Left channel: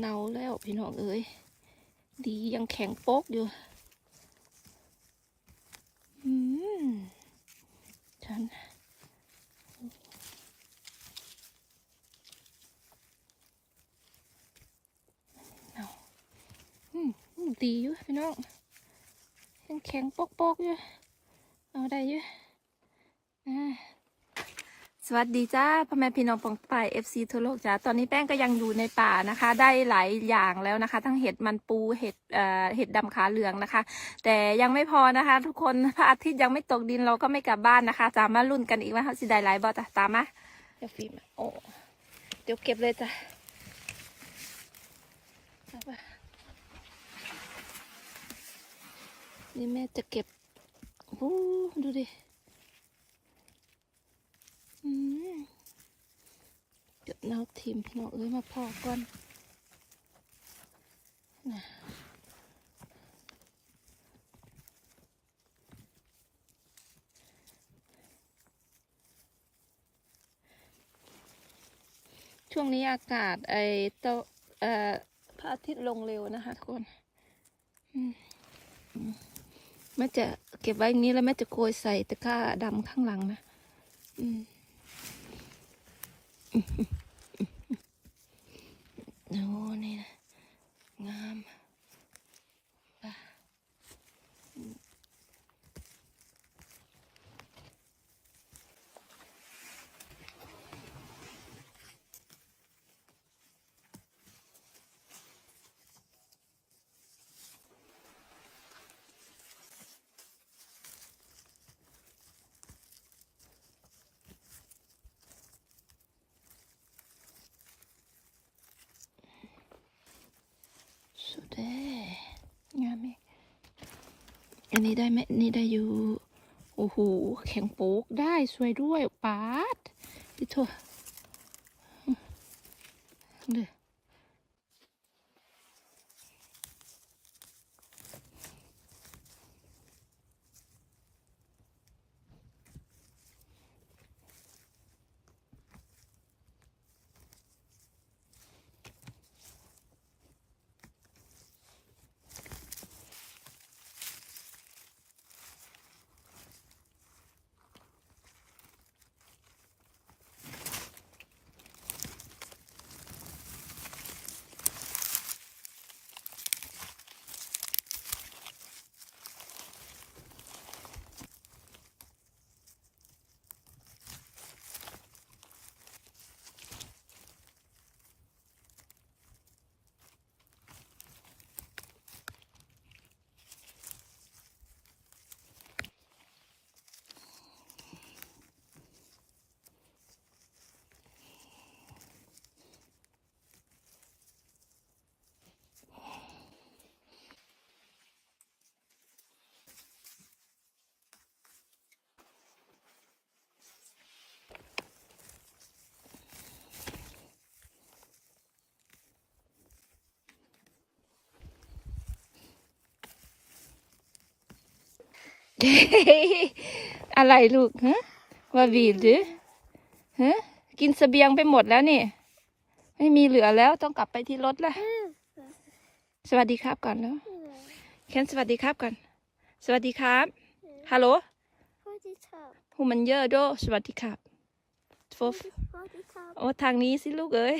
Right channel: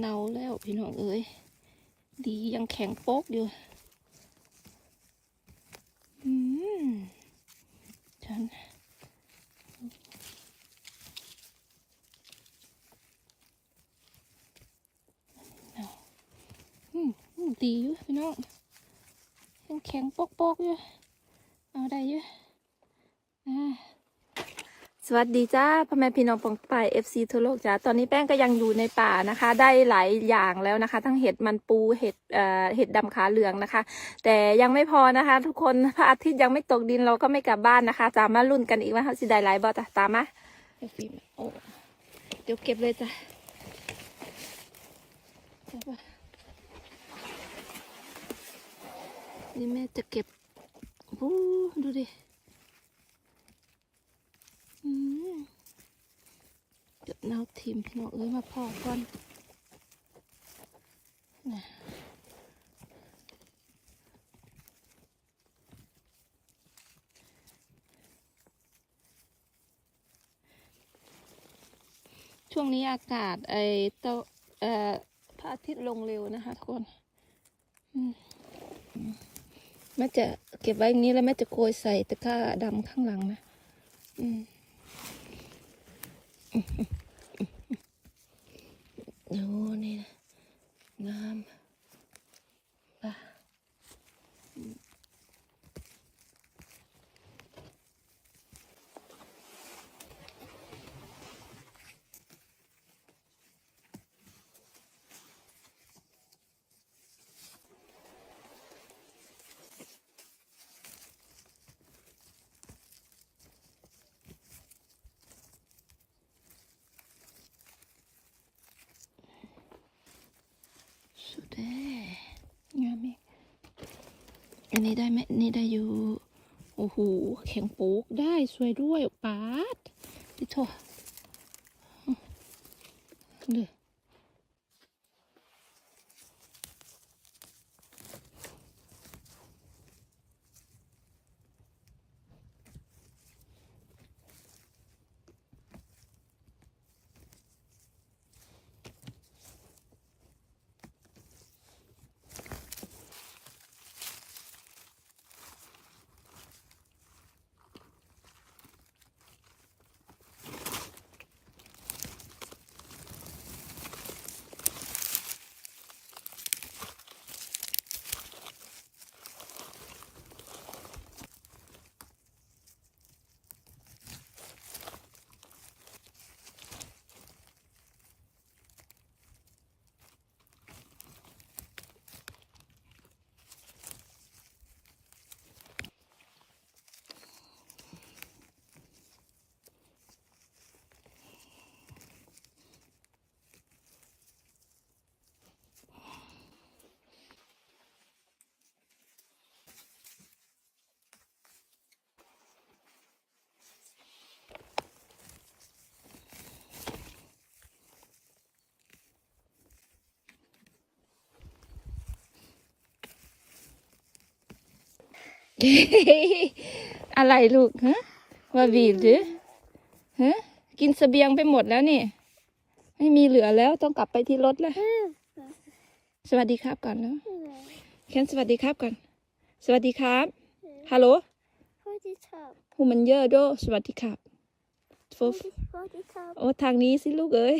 เนาแล้วพี่น้องเอ้ยดียังแข็งโป๊กอยู่อืมฉันเอาอืมอืมดีอยู่พี่น้องยังแข็งโป๊กๆอยู่เอาได้อยู่อ่า สวัสดีจ้าพ่อแม่พี่น้องปองปายเอฟซีทั่วโลกจ้าตอนนี้แป้งก็ยังอยู่ในป่านะคะ ได้หลายอย่างแล้วนะคะ ทั้งเห็ดมันปูเห็ดเอ่อเห็ดดำขาเหลืองนะคะ แต่ยังไม่พอนะคะ ทุกคนพระอาทิตย์ยังไม่ตกดินเราก็ไม่กลับบ้านนะคะจะมาลุ้นกันอีกว่าเขาสิได้หลายบ่จ้ะตามมาเดี๋ยวฟิล์มโอ้เดี๋ยวเก็บเลยจ้ะนี่แม่จะเก็บดูดิ อืมเดี๋ยวเราทีม พี่น้องเอ้ยมาพอกันนช่วงนี้อากาศไอเตเอ่อพระอาทิตย์ลงเร็วนะคะทุกคนแม่จะเก็บไว้อย่างนี้แล้วแม่จะโกยใส่ตะกร้าดำข้างหลังนะ อืม โสุดเด้งามอีกอันนี้ได้ไหมนี่ได้อยู่ โอ้โห แข็งโป๊กได้สวยด้วยปาดนี่โถเด้อ อะไรลูกฮะมาบีบหรือฮะกินเสบียงไปหมดแล้วนี่ ไม่มีเหลือแล้วต้องกลับไปที่รถละสวัสดีครับก่อนแล้วเคนสวัสดีครับก่อน สวัสดีครับฮัลโหลสวัสดีครับผู้มันเยอะโดสวัสดีครับโฟฟสวัสดีครับโอ้ทางนี้สิลูกเอ้ย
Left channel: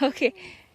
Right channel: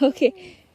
โอเคส